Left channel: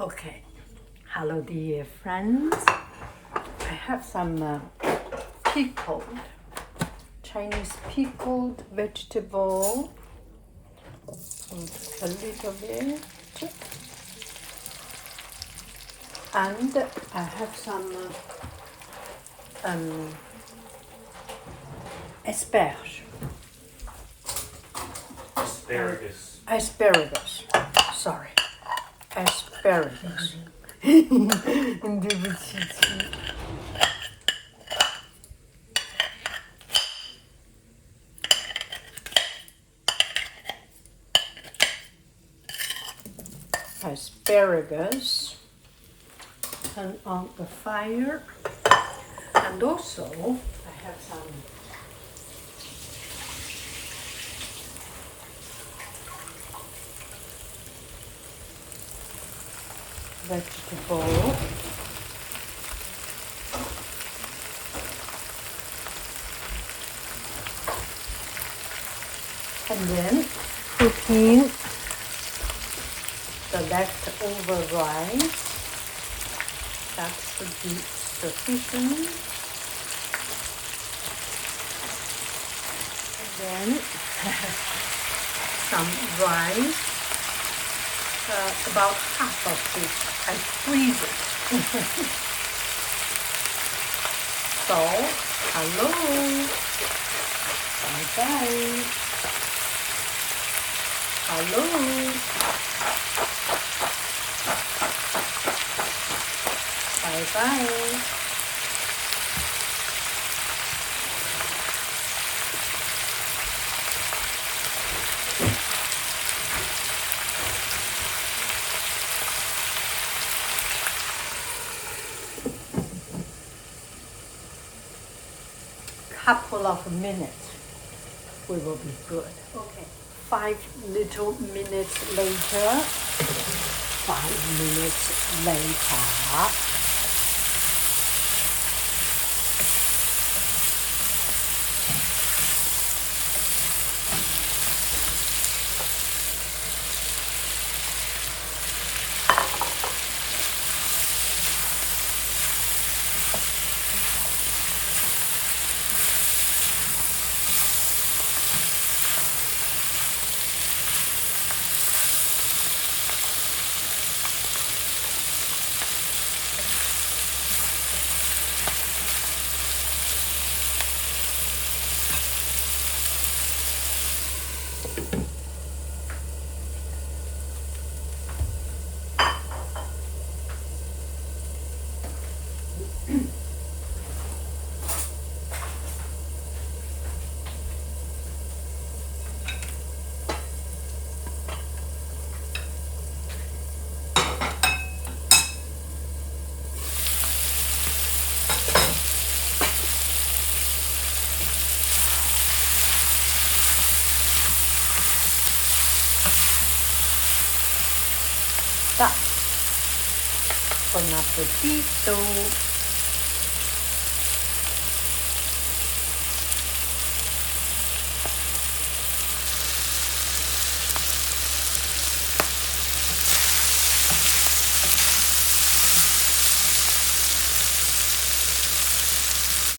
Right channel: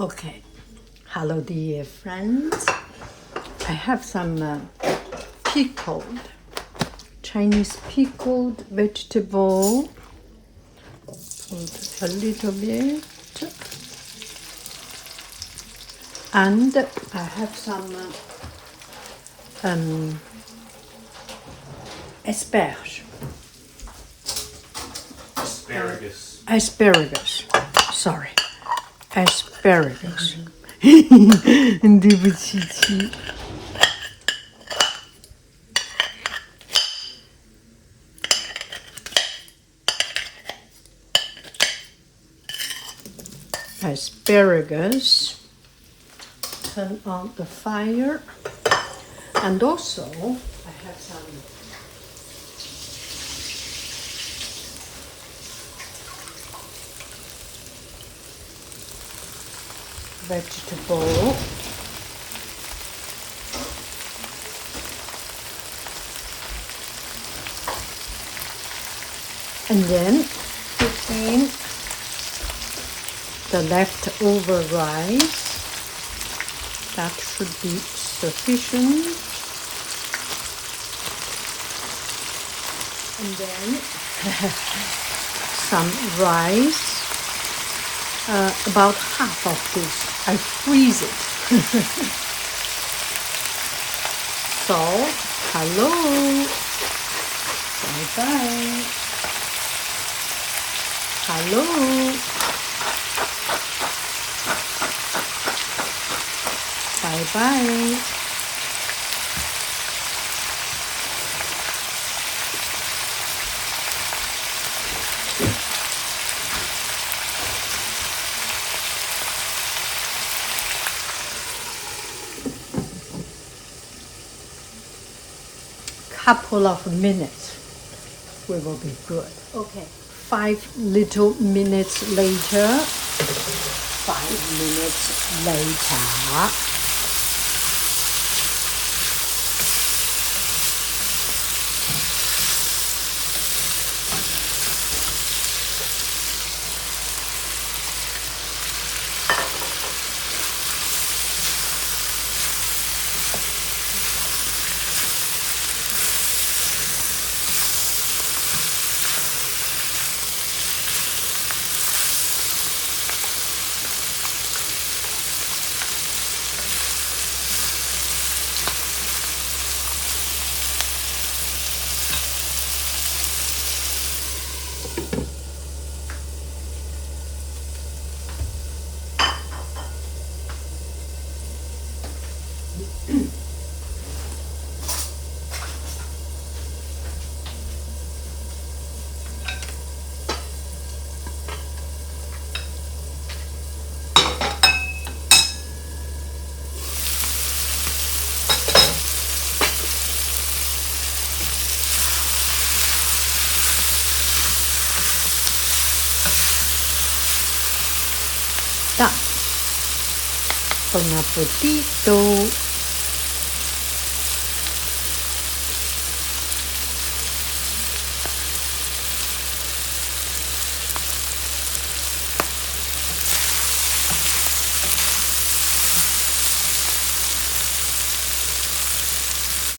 Okay, hello dear friends. I have some pickled, Chinese pickled vegetable, a little bit, and I have some asparagus. Asparagus. Sorry, asparagus. 对不起亲。Asparagus. Turn on the fire, and also I have some vegetable. And then put in the leftover rice. That should be sufficient. And then some rice, about half of this. I freeze it. So, hello. Bye-bye. Hello. Bye-bye. Couple of minutes, we will be good. Okay, 5 little minutes later. 5 minutes later. Buon appetito!